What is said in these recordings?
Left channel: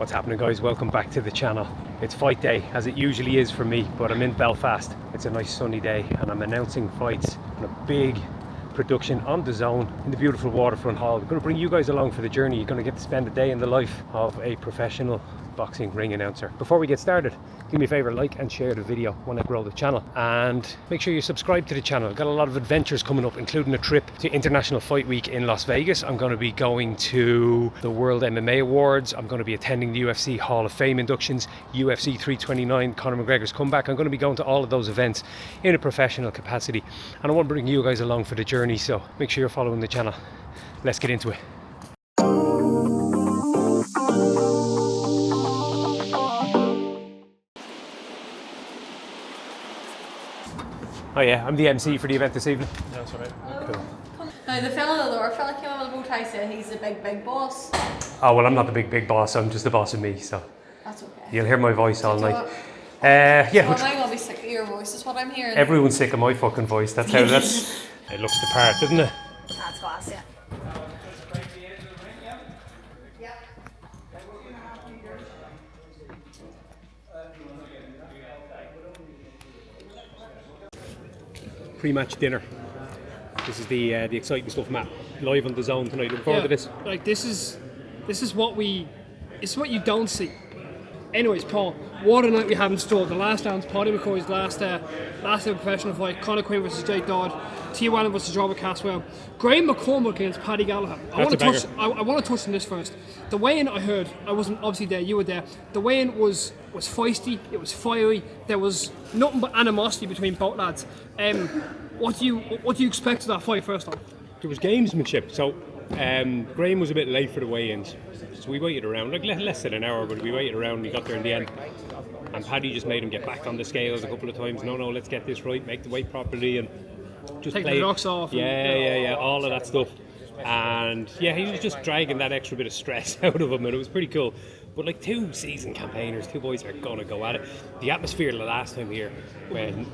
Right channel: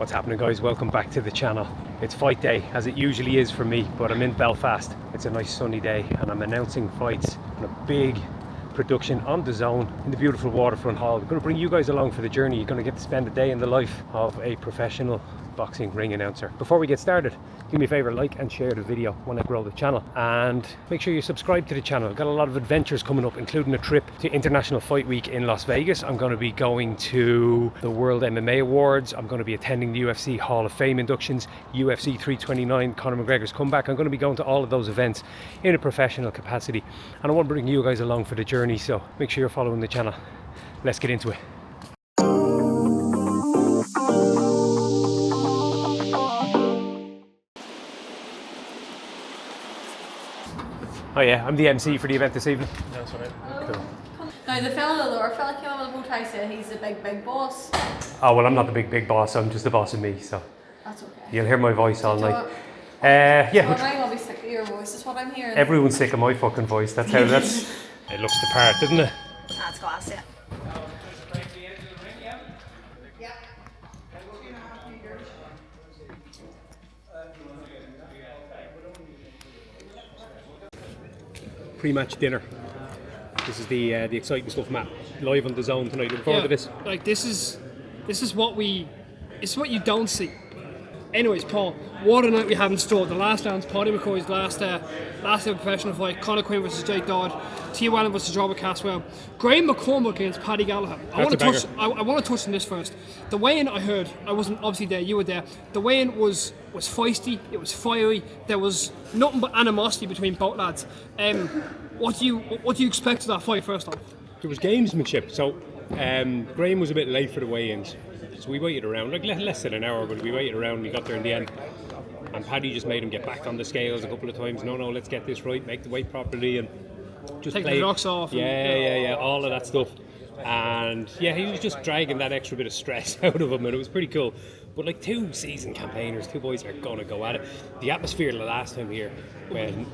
What's happening, guys? Welcome back to the channel. It's fight day, as it usually is for me, but I'm in Belfast. It's a nice sunny day and I'm announcing fights on a big production on DAZN in the beautiful waterfront hall. I'm going to bring you guys along for the journey. You're going to get to spend a day in the life of a professional boxing ring announcer. Before we get started, do me a favor, like and share the video when I grow the channel, and make sure you subscribe to the channel. I've got a lot of adventures coming up, including a trip to International Fight Week in Las Vegas. I'm going to be going to the World MMA Awards. I'm going to be attending the UFC Hall of Fame inductions, UFC 329, Conor McGregor's comeback. I'm going to be going to all of those events in a professional capacity, and I want to bring you guys along for the journey, so make sure you're following the channel. Let's get into it. Oh yeah, I'm the MC for the event this evening. That's right. Cool. Now the fella came over the bow tie said he's the big boss. Oh well, I'm not the big boss. I'm just the boss of me. So That's okay. you'll hear my voice all night. So Yeah. am I gonna be sick of your voice? Is what I'm hearing. Everyone's sick of my fucking voice. That's how that's. It looks the part, doesn't it? That's class, yeah. Pre-match dinner. This is the exciting stuff, Matt. Live on DAZN tonight. Looking forward to this. Like this is what it's what you don't see. Anyways, Paul, what a night we have in store. The last round's Paddy McCoy's last ever professional fight. Conor Quinn versus Jake Dodd. T. Wallen versus Robert Caswell. Graham McCormack against Paddy Gallagher. I want to touch on this first. The weigh-in I heard, I wasn't obviously there, you were there. The weigh-in was feisty, it was fiery, there was nothing but animosity between both lads. What do you expect of that fight first off? There was gamesmanship. So Graham was a bit late for the weigh-ins, so we waited around like less than an hour, but we waited around and we got there in the end. And Paddy just made him get back on the scales a couple of times. No, let's get this right, make the weight properly, and just take play. the rocks off. Yeah, all of that stuff. And yeah, he was just dragging that extra bit of stress out of him, and it was pretty cool. But like two seasoned campaigners, two boys are gonna go at it. The atmosphere the last time here, when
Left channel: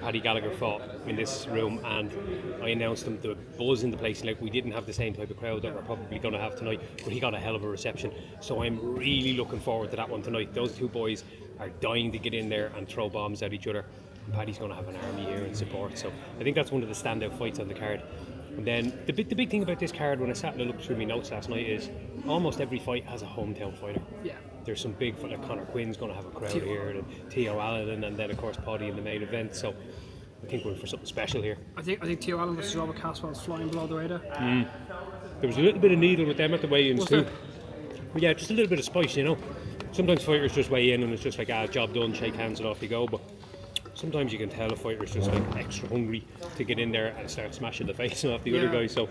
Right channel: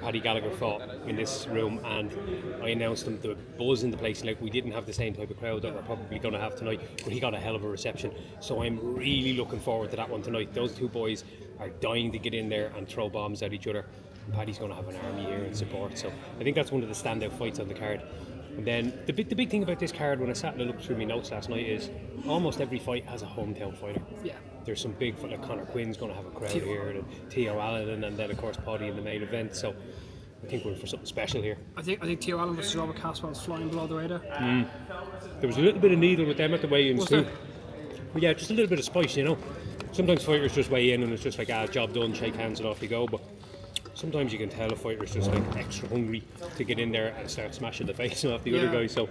Paddy Gallagher fought in this room, and I announced him, the buzz in the place, like we didn't have the same type of crowd that we're probably gonna have tonight, but he got a hell of a reception. So I'm really looking forward to that one tonight. Those two boys are dying to get in there and throw bombs at each other. And Paddy's gonna have an army here in support. So I think that's one of the standout fights on the card. And then the big thing about this card, when I sat and looked through my notes last night, is almost every fight has a hometown fighter. Yeah. There's some big, like Conor Quinn's going to have a crowd here, and T.O. Allen, and then of course Paddy in the main event. So I think we're in for something special here. I think T. Allen versus Robert Caswell's flying below the radar. There was a little bit of needle with them at the weigh-ins too. But yeah, just a little bit of spice, you know. Sometimes fighters just weigh in and it's just like, job done, shake hands and off you go. But sometimes you can tell a fighter's just like extra hungry to get in there and start smashing the face off the other guy. So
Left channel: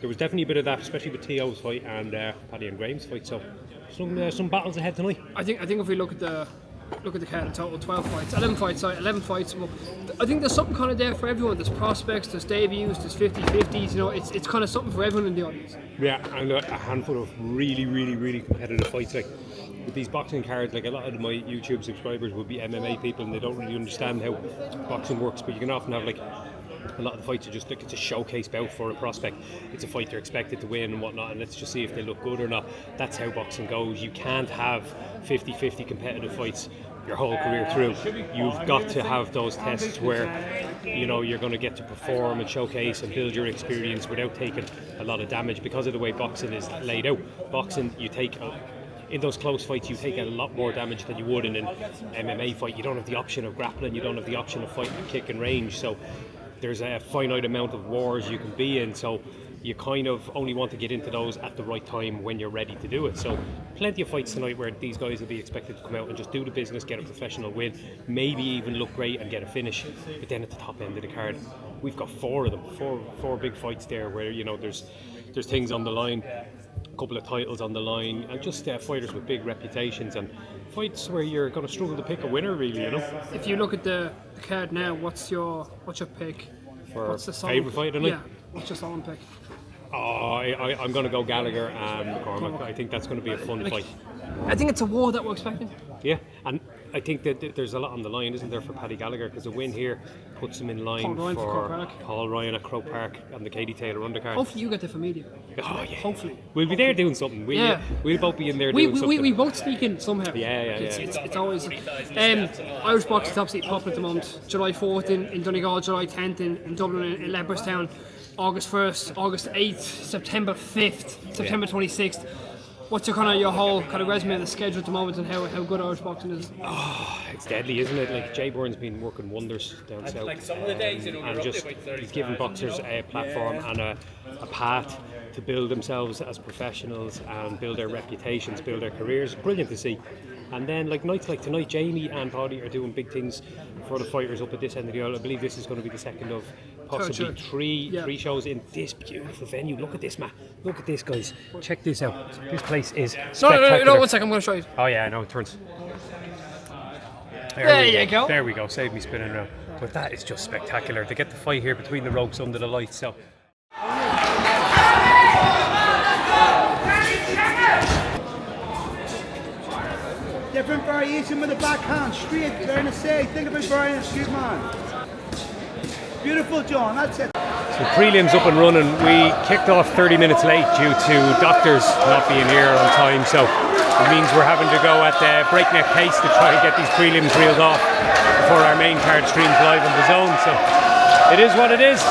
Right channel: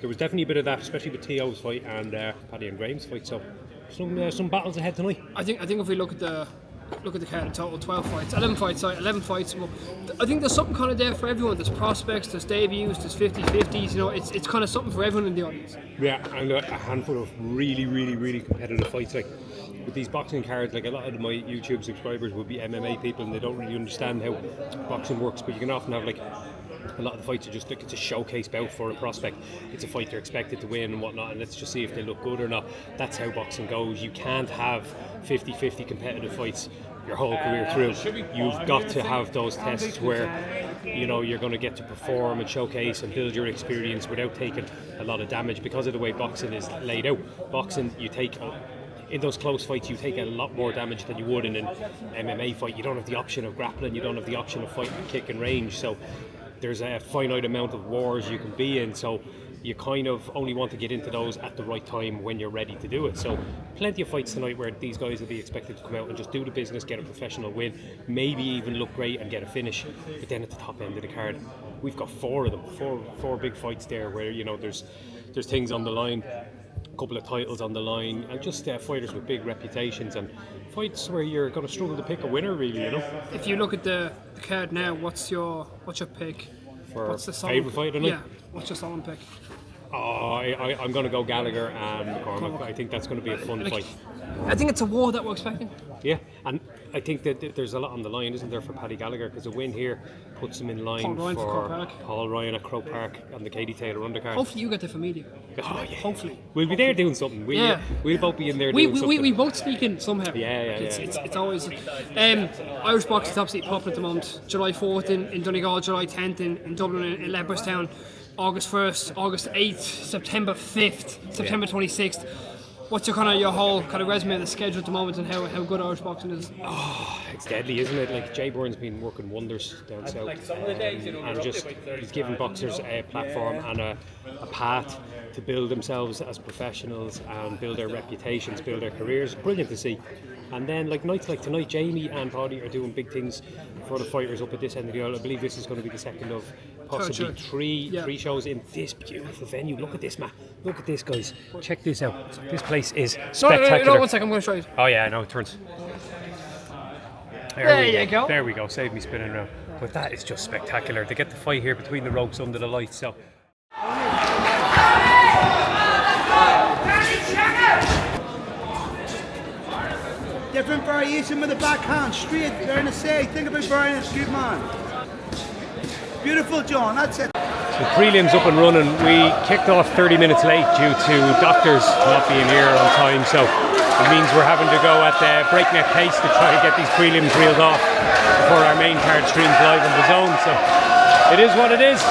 there was definitely a bit of that, especially with T.O.'s fight and Paddy and Graham's fight. So some battles ahead tonight. I think if we look at the card in total, 11 fights. Well, I think there's something kind of there for everyone. There's prospects, there's debuts, there's 50-50s. You know, it's kind of something for everyone in the audience. Yeah, and a handful of really competitive fights. Like with these boxing cards, like a lot of my YouTube subscribers would be MMA people and they don't really understand how boxing works. But you can often have like a lot of the fights are just like it's a showcase bout for a prospect. It's a fight they're expected to win and whatnot, and let's just see if they look good or not. That's how boxing goes. You can't have 50-50 competitive fights your whole career through. You've got to have those tests where you know you're going to get to perform and showcase and build your experience without taking a lot of damage, because of the way boxing is laid out. Boxing, you take in those close fights, you take a lot more damage than you would in an MMA fight. You don't have the option of grappling, you don't have the option of fighting at kick and range. So there's a finite amount of wars you can be in, so you kind of only want to get into those at the right time when you're ready to do it. So plenty of fights tonight where these guys will be expected to come out and just do the business, get a professional win, maybe even look great and get a finish. But then at the top end of the card, we've got four of them, four big fights there where, you know, there's things on the line, a couple of titles on the line, and just fighters with big reputations, and fights where you're going to struggle to pick a winner, really, you know. If you look at the card now, what's your pick? What's the favourite fight tonight? Yeah, what's your solemn pick? I'm going to go Gallagher and McCormack. I think that's going to be a fun fight. I think it's a war that we're expecting. Yeah, and I think that there's a lot on the line, isn't there, for Paddy Gallagher? Because a win here puts him in line for Paul Ryan at Croke Park on the Katie Taylor undercard. Hopefully you get there for media. Oh yeah. Hopefully. We'll be there doing something. We'll both be in there doing something. We both sneak in somehow. It's always... Irish boxing is absolutely popular at the moment. July 4th in Donegal, July 10th in Dublin, in Leopardstown, August 1st, August 8th, September 5th, September 26th. What's your whole kind of resume of the schedule at the moment, and how good Irish boxing is? Oh, it's deadly, isn't it? Like, Jay Byrne's been working wonders down south, and just he's given boxers a platform and a path to build themselves as professionals and build their reputations, build their careers. Brilliant to see. And then nights like tonight, Jamie and Paddy are doing big things for the fighters up at this end of the aisle. I believe this is going to be the second of possibly three shows in this beautiful venue. Look at this, Matt. Look at this, guys. Check this out. This place is spectacular. No, 1 second, I'm going to show you. Oh yeah, I know, it turns. There you go. There we go, save me spinning around. But that is just spectacular. They get the fight here between the ropes under the lights, so... Different variation with the backhand, straight down the side. Think about Brian and shoot, man. Beautiful, John, that's it. So prelims up and running. We kicked off 30 minutes late due to doctors not being here on time, so it means we're having to go at the breakneck pace to try and get these prelims reeled off before our main card streams live on DAZN. So it is what it is.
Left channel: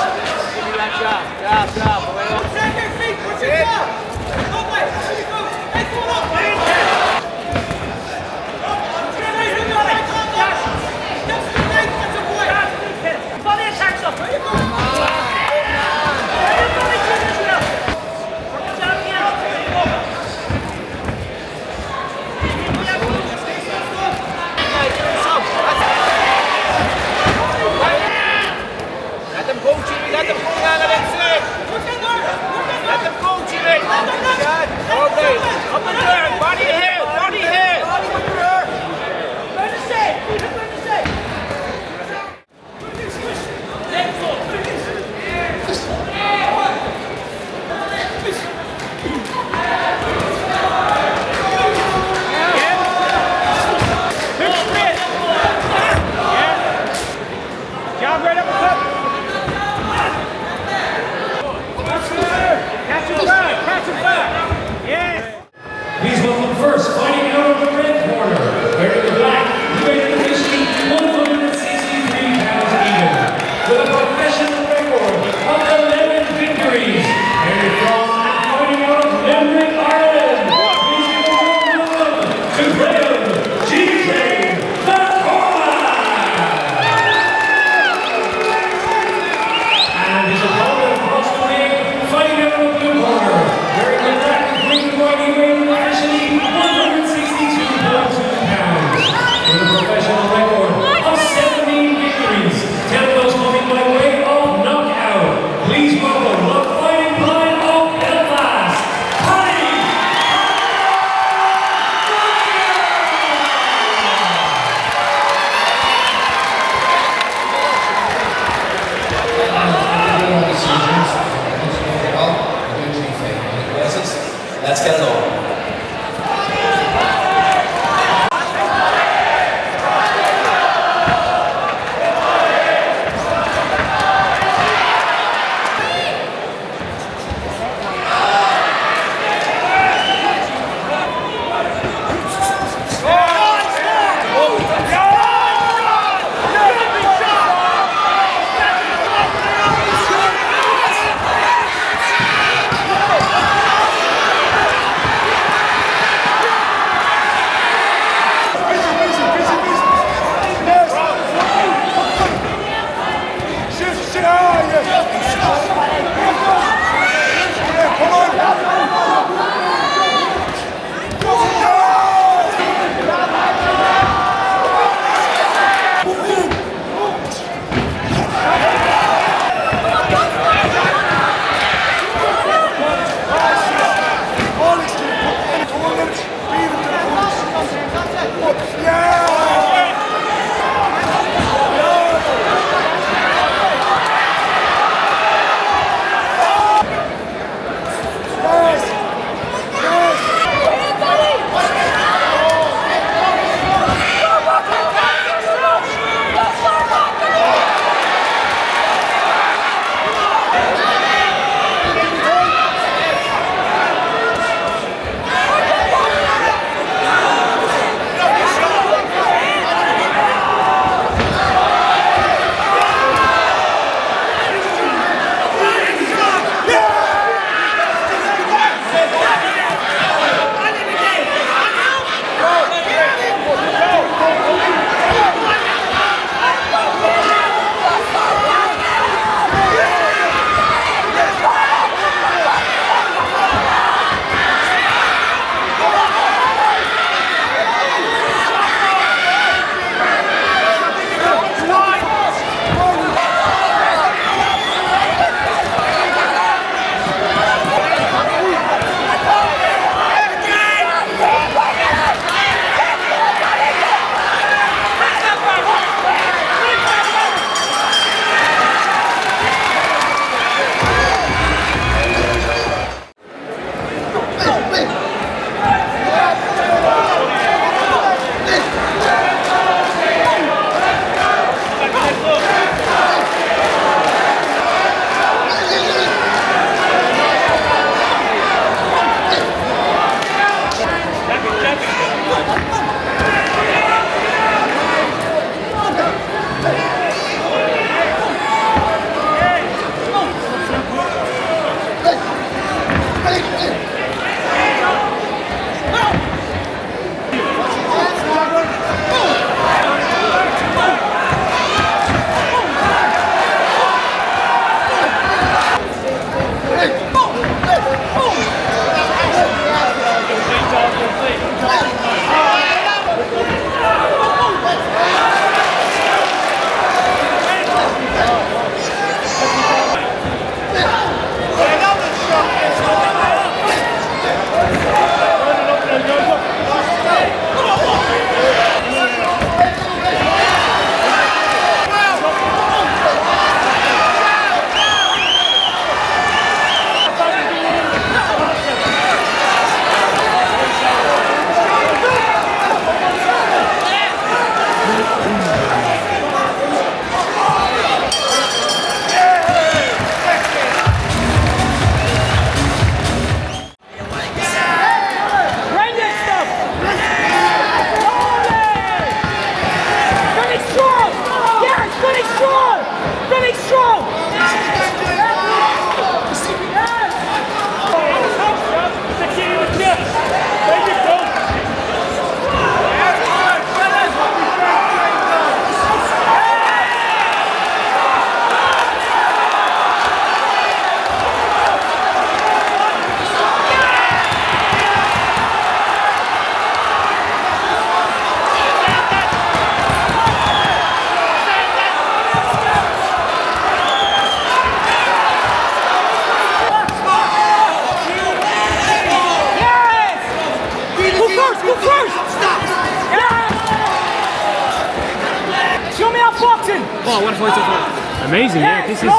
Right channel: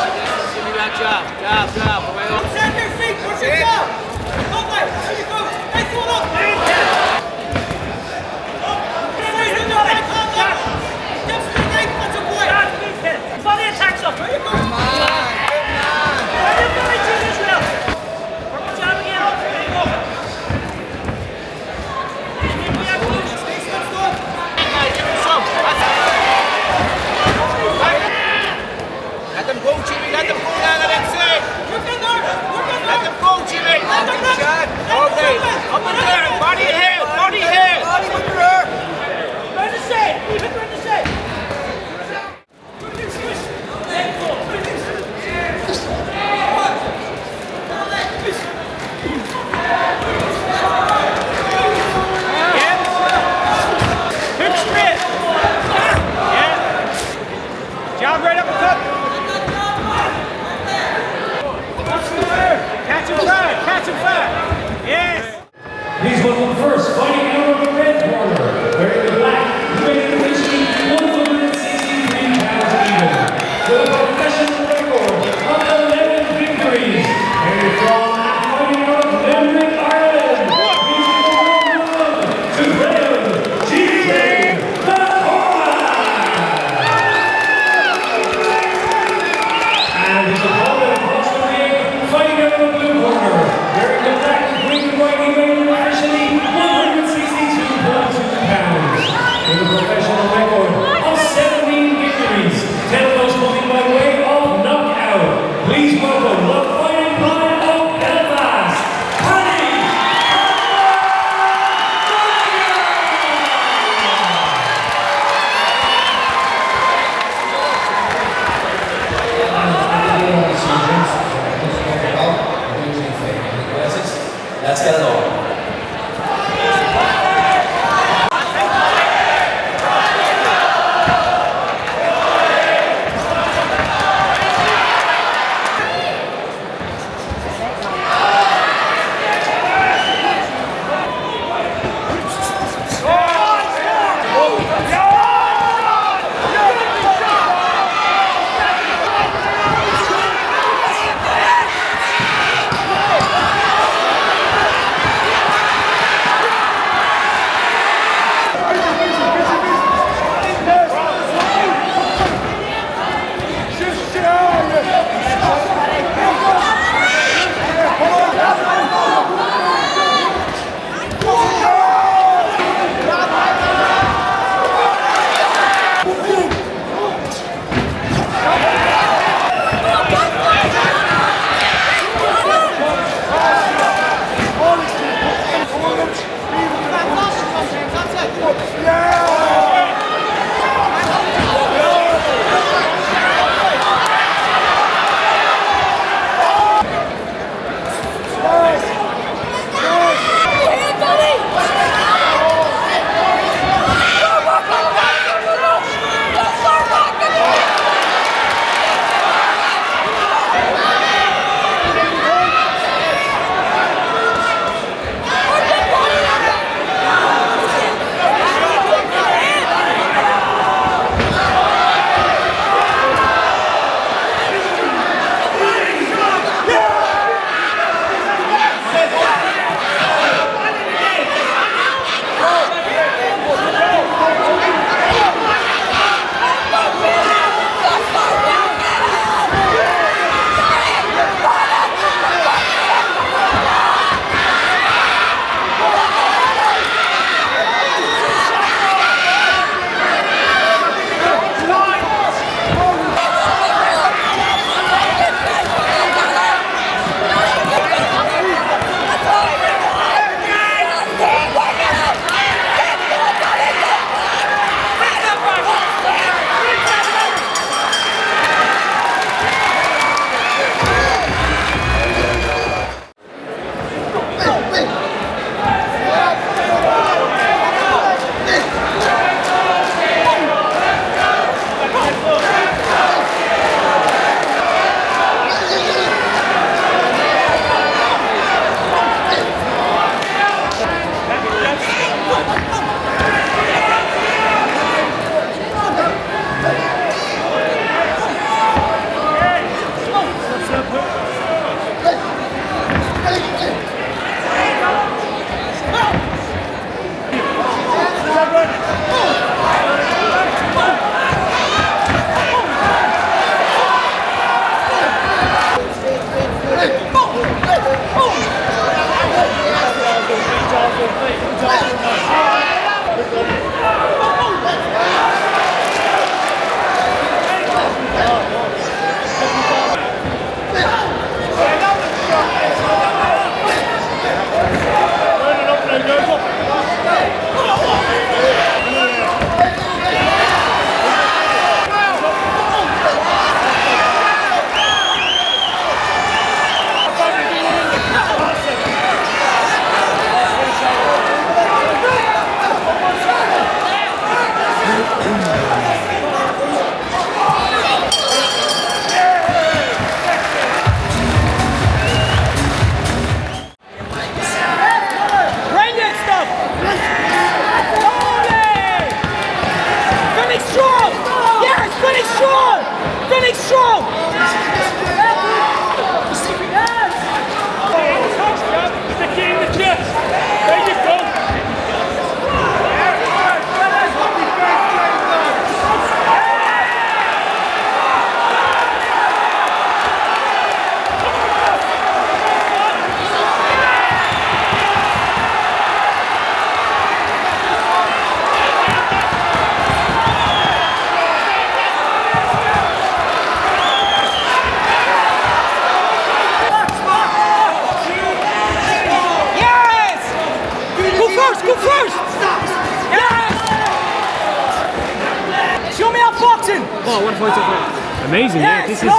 Oh, what a fight so far. Amazing, yeah. This is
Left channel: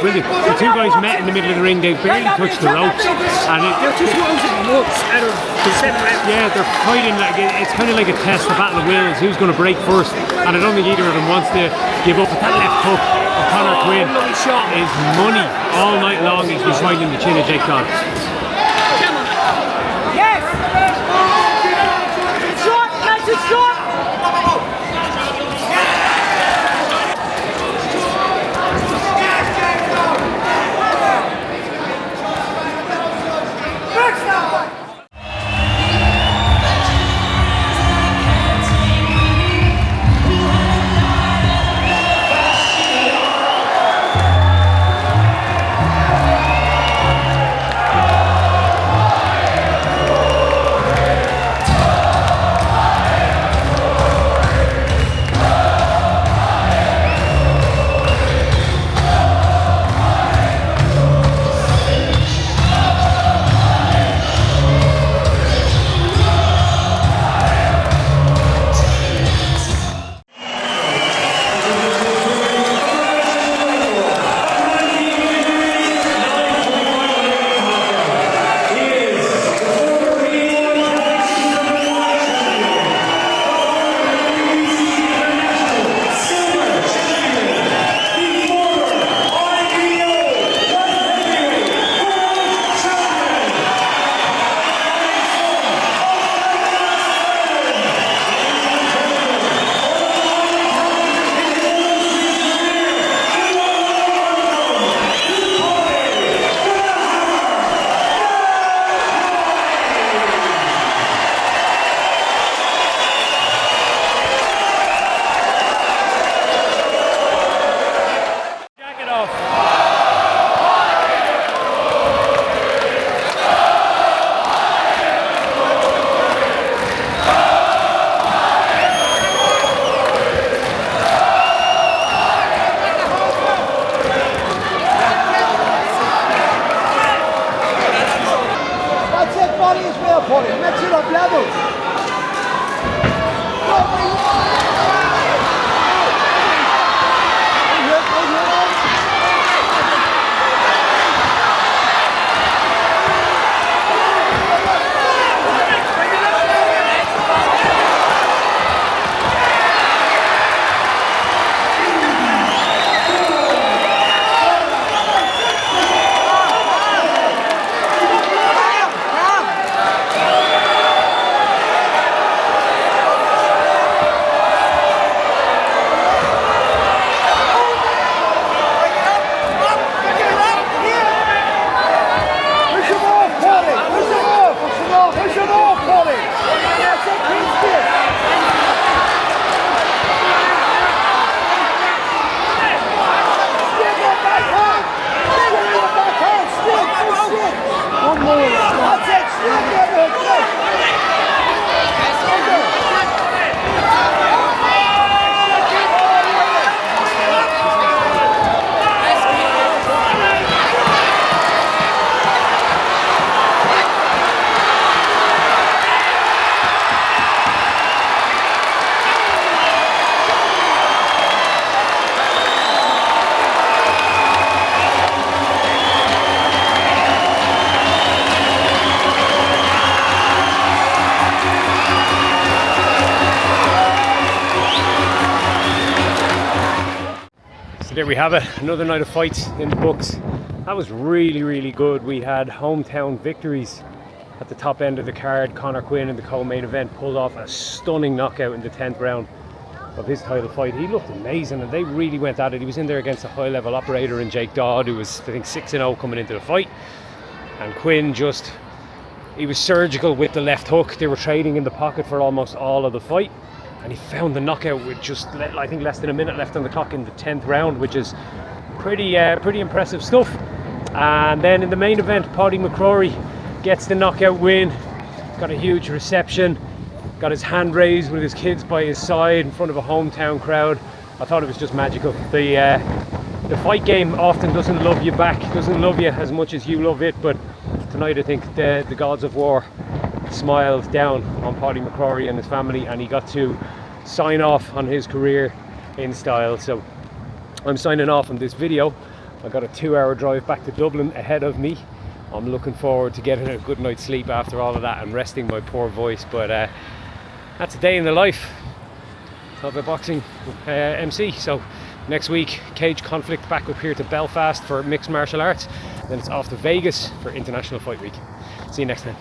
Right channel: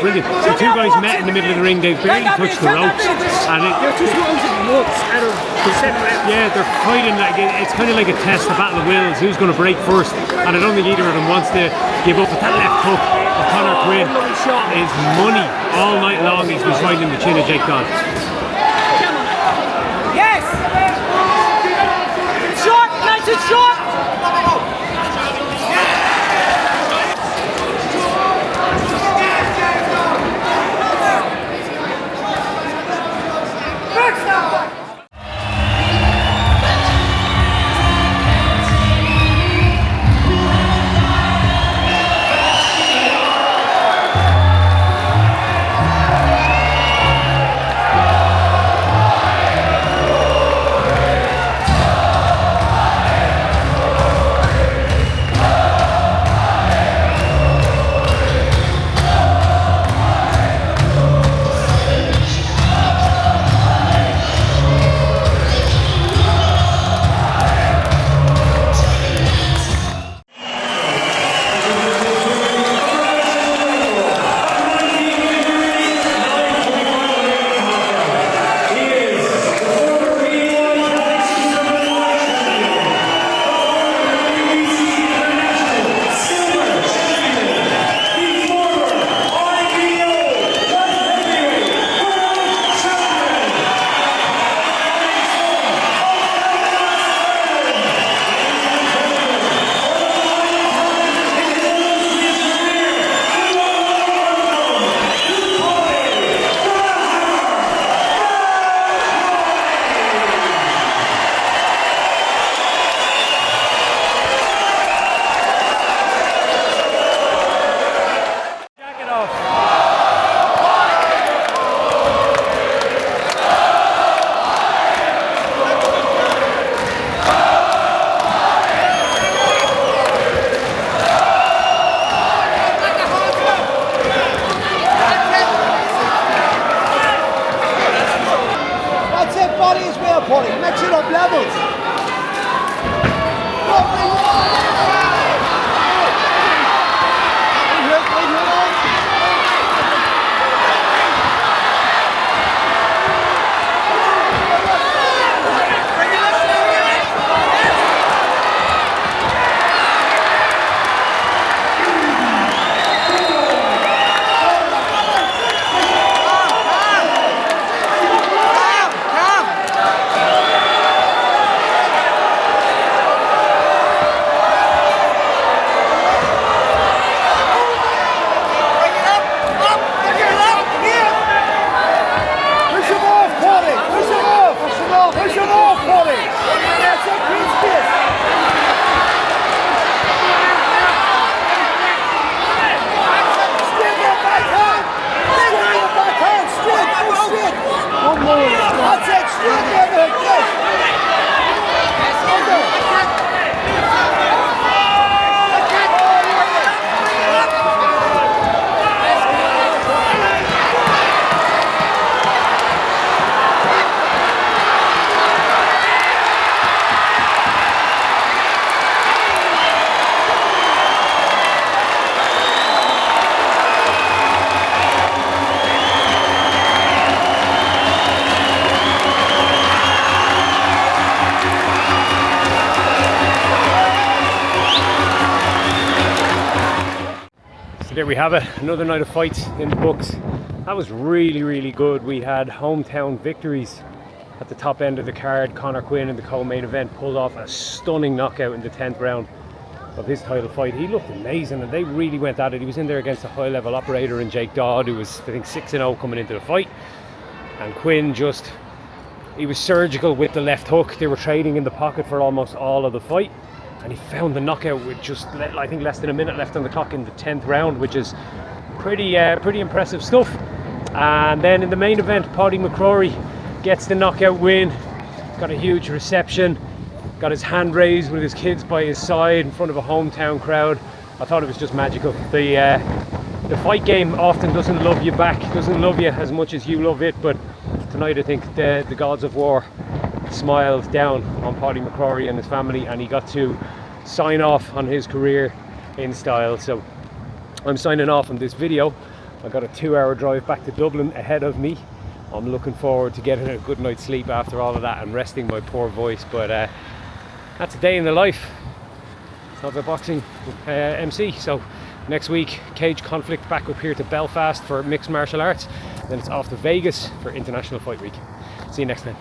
brilliant. The two guys met in the middle of the ring. They barely touched the ropes, and They're two rounds of once out of the 7 rounds. yeah, they're fighting like it's kind of like a test, a battle of wills. Who's going to break first? And I don't think either of them wants to give up. But that left hook of Conor Quinn is money all night long. He's been fighting the chin of Jake Dodd. Yes! Shot! That's a shot! there we have it, another night of fights in the books. That was really, really good. We had hometown victories at the top end of the card. Conor Quinn in the co-main event pulled off a stunning knockout in the 10th round of his title fight. He looked amazing and they really went at it. He was in there against a high-level operator in Jake Dodd, who was, I think, 6-0 coming into the fight. And Quinn he was surgical with the left hook. They were trading in the pocket for almost all of the fight. And he found the knockout with just, I think, less than a minute left on the clock in the 10th round, which is pretty impressive stuff. And then in the main event, Paddy McCrory gets the knockout win. Got a huge reception. Got his hand raised with his kids by his side in front of a hometown crowd. I thought it was just magical. The fight game often doesn't love you back, doesn't love you as much as you love it, but tonight I think the gods of war smiled down on Paddy McCrory and his family, and he got to sign off on his career in style. So I'm signing off on this video. I got a 2-hour drive back to Dublin ahead of me. I'm looking forward to getting a good night's sleep after all of that and resting my poor voice, but that's a day in the life of a boxing MC. So next week, Cage Conflict back up here to Belfast for mixed martial arts, then it's off to Vegas for International Fight Week. See you next time.